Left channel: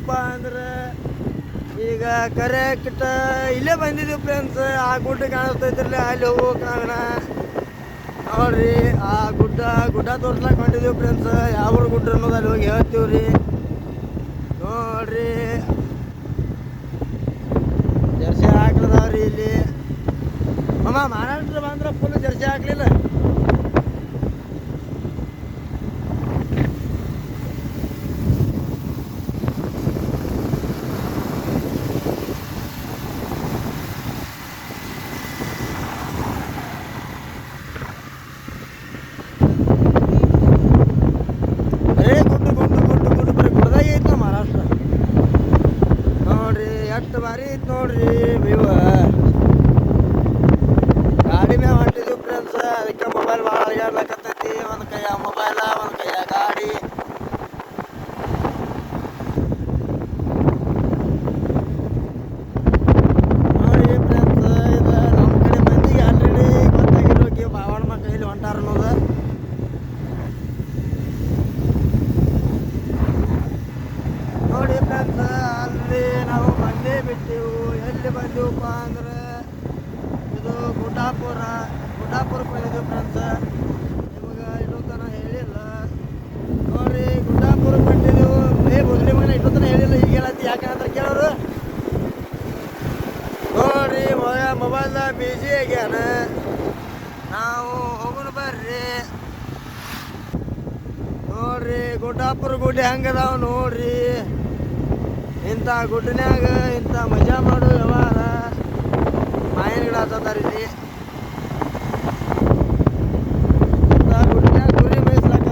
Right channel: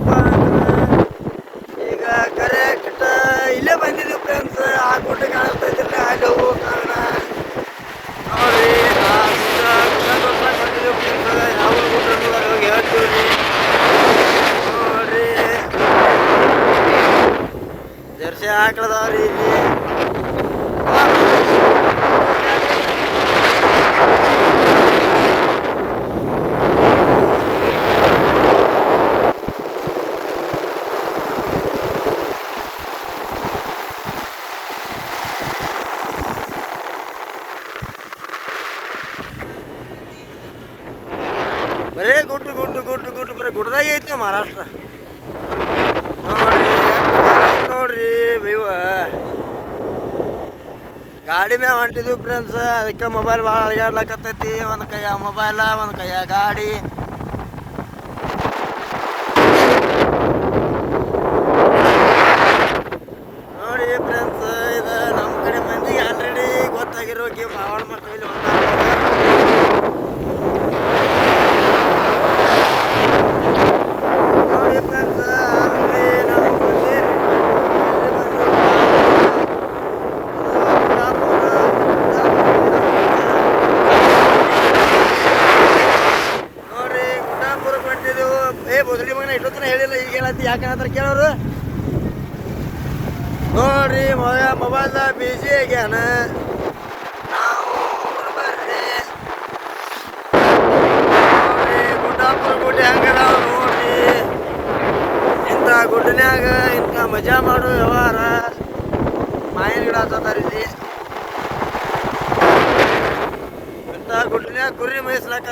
ಬಂದಿದ್ದೀವಪ್ಪ ಅಂದ್ರೆ ಈಗ ಕರೆಕ್ಟ್ ಇಲ್ಲೇ ಬಂದಿದ್ದೀವಿ ಫ್ರೆಂಡ್ಸ್. ಆ ಗುಡ್ಡ ಕಾಣಿಸ್ತೈತಿರ್ಲಿ ಅಲ್ಲಿ ಹೋಗೋ ಕಾರಣ ನೋಡ್ರಿ. ಆ ಗುಡ್ಡ ತೋರ್ಸಕ್ಕೆ ಬಂದಿದ್ದೀವಿ ಫ್ರೆಂಡ್ಸ್. ಯಾವ ಗುಡ್ಡ ಅನ್ನೋದು ಅಲ್ಲಿ ಹೋಗಿ ಹೇಳ್ತೀವಿ ರೀ. ನೋಡ್ರಿ ಜರ್ಸಿ ಹಾಕ್ಲದವ್ರಿ ಇಲ್ಲಿ. ಬರೇ ಗುಡ್ಡು ಬರೀ ಗುಡ್ಡದಾಗ ಐತಿ ಮಹಾರಾಷ್ಟ್ರ. ನೋಡ್ರಿ ನೋಡ್ರಿ ವ್ಯೂವ. ಗಾಡಿ ಮ್ಯಾಗ ಹೊಂಟಿದ್ವಿ ಫ್ರೆಂಡ್ಸ್. ಅದಕ್ಕೆ ಮೊಬೈಲ್ ಭಾಳ ಅಳಗಾಡ್ಲಕತ್ತೈತಿ. ಒಂದು ಕೈಯ ಮೊಬೈಲ, ಒಂದು ಕೈಯ ಗಾಡಿ. ನೋಡಿ ಫ್ರೆಂಡ್ಸ್, ಇದು ನಮ್ಮ ಕಡೆ ಮಂದಿಗೆ ಆಲ್ರೆಡಿ ಗೊತ್ತಾಗಿರೋಕೆ ಬಾವಳ ಮಟ್ಟ ಇಲ್ಲಿ ನೋಡಿ ಫ್ರೆಂಡ್ಸ್. ಆಲ್ರೆಡಿ ನಾವು ಬಂದೇ ಬಿಟ್ಟು ಎಲ್ಲಿ ಬಂದು ನೋಡ್ರಿ ಗುಡ್ಡಾಪುರಕ್ಕೆ ಹೊಂಟಿದ್ದೆವು. ಬದಲಿ ಮಗನ ಇಟ್ಟೊತ್ತನ ಹೇಳಿಲ್ಲ, ಈಗ ಹೇಳತ್ತಿ ಯಾಕೆ ಹೇಳ್ತಾರೆ ಕೇಳೋರು. ನೋಡ್ರಿ ಮೊಬೈಲ್ ಬಿಜಿ ಆಗ್ಯಾನ. ನಾವು ಹೋಗೋಣ ಬರ್ರಿ. ನೋಡ್ರಿ ಗುಡ್ಡಾಪುರ ಗುಡ್ಡ ಹೆಂಗದಾವ ನೋಡ್ರಿ. ಇಂಥ ಗುಡ್ಡನ್ಯಾಗ ಇಂಥ ಮಜಾ ಮಾಡೋ ವ್ಯವಹಾರ ಮಾಯನ ಗಿಡ ಹತ್ತದಾರ ಇಲ್ಲಿ. ಇಂಥ ಗುಡ್ಡನ್ಯಾಗ ಕುರಿ ಮೇಯಿಸ್ಲಾಕ